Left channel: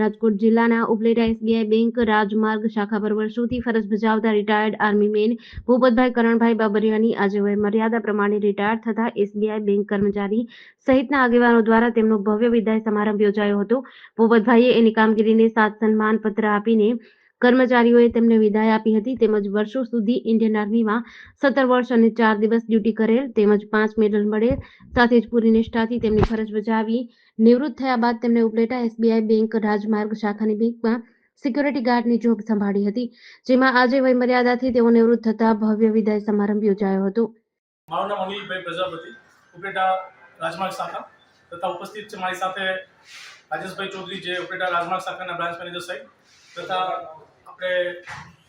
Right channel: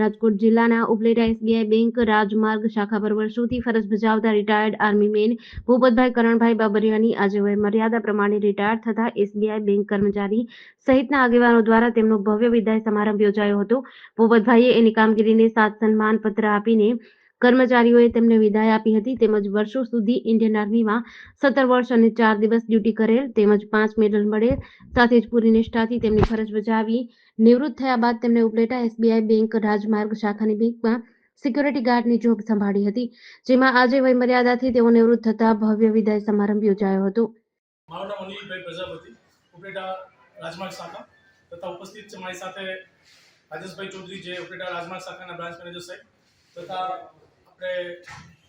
રાજકોટ જિલ્લાના Upleta SBI bank રાજમાર્ગ શાખા પર વર્ષોથી ફરજ બજાવતા retired army man Bhupatbhai Karanbhai બાબરિયાની આજે વય મર્યાદા પ્રમાણે રિટાયર થતા એસબીઆઈ બેંક કર્મચારી સહિતના આગેવાનો દ્વારા તેમનો ભવ્ય વિદાય સમારંભ યોજાયો હતો. ભૂપતભાઈએ એની કામગીરીને સાત સન્માન પત્ર આપીને કર્મચારીઓએ તેમને વિદાય આપી હતી. તેમજ વર્ષો સુધી ઇન્ડિયન આર્મીમાં સત્તર વર્ષ અને ચાર દિવસ ડ્યુટી કરેલ તેમજ પાંચ મેડલ મળેલ. સાથે જ પૂરી નિષ્ઠાથી તેમની ફરજ બજાવી નિવૃત્ત થયા બાદ તેમણે ઉપલેટા એસબીઆઈ બેંક રાજમાર્ગ શાખાની બેંકમાં સિક્યોરિટી ગાર્ડની જોબ સંભાળી હતી, જેમાં આજે વયમર્યાદાથી તેઓ નિવૃત્ત થતા ભવ્ય વિદાય સમારંભ યોજાયો હતો. મારું નામ અનિલભાઈ પ્રજાપતિ, ઉપલેટા રાજમાર્ગ શાખા તથા ઉપસ્થિત છે મારી સાથે રાજેશભાઈ ચૌધરી, જે ઉપલેટા રાજમાર્ગ શાખાના બ્રાન્ચ મેનેજર સાહેબ તથા આપણે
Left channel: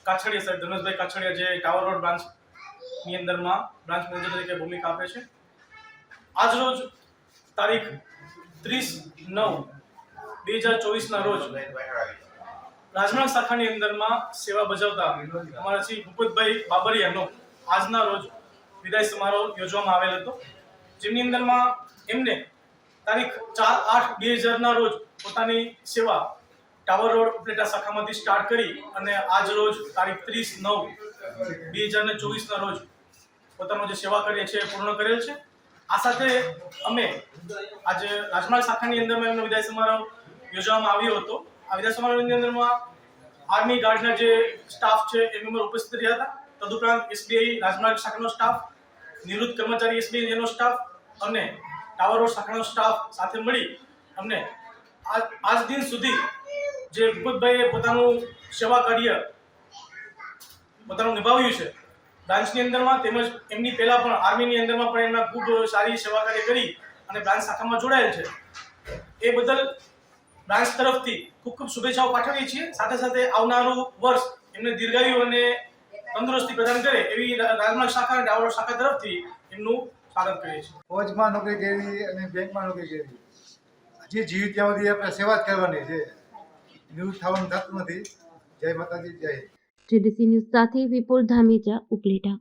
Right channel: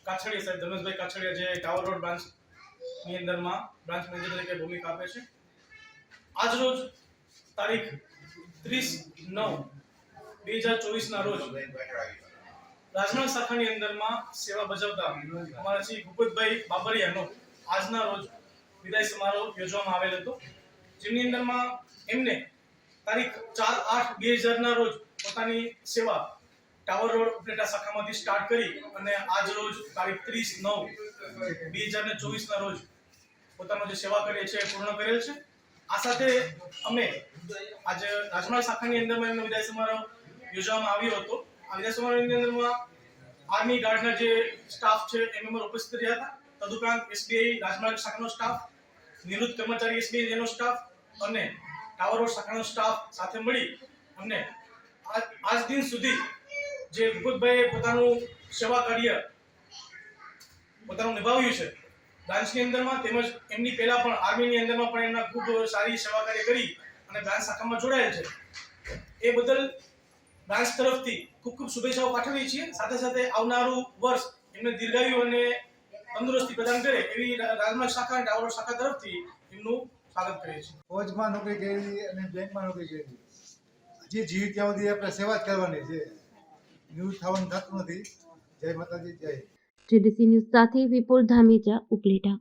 કાછડિયા સાહેબ ધનુષભાઈ કાછડિયા જે ટાવર રોડ બ્રાન્ચની અંદરમાં બ્રાન્ચ મેનેજર તરીકે ભૂમિકા આપે છે. આજ રોજ તારીખ ત્રીસ નવ બે હજાર ચોવીસના રોજ રાજનાથ શાખાની અંદરમાં સેવા બજાવતા અમારા શ્રી ભૂપતભાઈ બાબરિયાનો આજના રોજ વિદાય સમારોહ યોજવામાં આવેલ હતો. જેમની અંદરમાં એમને તારીખ ચાર આઠ બે હજારના રોજ પોતાની સેવા ટાવર રોડ ઉપલેટા શાખામાંથી સ્ટાર્ટ કરી અને આજ રોજ તારીખ ત્રીસ નવ બે હજાર ને ચોવીસના રોજ પોતાનો જે સેવા કરીએ છીએ એ પૂર્ણ કરેલ છે. આ સાથે અમે આજે રાજમાર્ગ શાખાની અંદરમાં એમનો વિદાય સમારોહ યોજવામાં આવ્યો હતો. આ વિદાય સમારોહની અંદરમાં આર્મી ગાર્ડના જે સ્ટાફ છે એ મેમ્બર ઉપસ્થિત રહ્યા હતા. તદુપરાંત એસબીઆઈ રાજમાર્ગ શાખાનો સ્ટાફ, નિવૃત્ત કર્મચારી એસબીઆઈ એનો સ્ટાફ અને ટાવર રોડ શાખાનો સ્ટાફ સાથે મળી અમને આજ દિન સુધી જે ભૂપતભાઈએ પોતાનું સેવા કાર્ય પોતાનું નિભાવ્યું છે. બ્રાન્ચની અંદરમાં તેમજ એમની પહેલા પણ આર્મીની અંદરમાં પણ એમના ખૂબ સારી સેવા કાર્ય કરી અને બ્રાન્ચ શાખામાં જોડાયેલ છે. એ બદલ બ્રાન્ચ તરફથી ખૂબ ખૂબ શુભેચ્છાઓ પાઠવીએ છીએ. સાથે સાથે આવનારું વર્ષ એમને દીર્ઘાયુ અને તંદુરસ્તી પ્રદાન કરે એવી રાજમાર્ગ શાખા અને ટાવર શાખા તરફથી એમનું સ્વાગત કરીએ છીએ. ફોજમાં નોકરી કરી અને બેંકમાં નોકરી કરી? હજી જીવિત ત્યાં સુધી આપણે સેવા જ કરવાની છે. નિવૃત્ત થવાનું થતું નથી જય માતાજી જય. જીડીસી ન્યૂઝ સાથે વિપુલ ધામેચા ઉપલેટા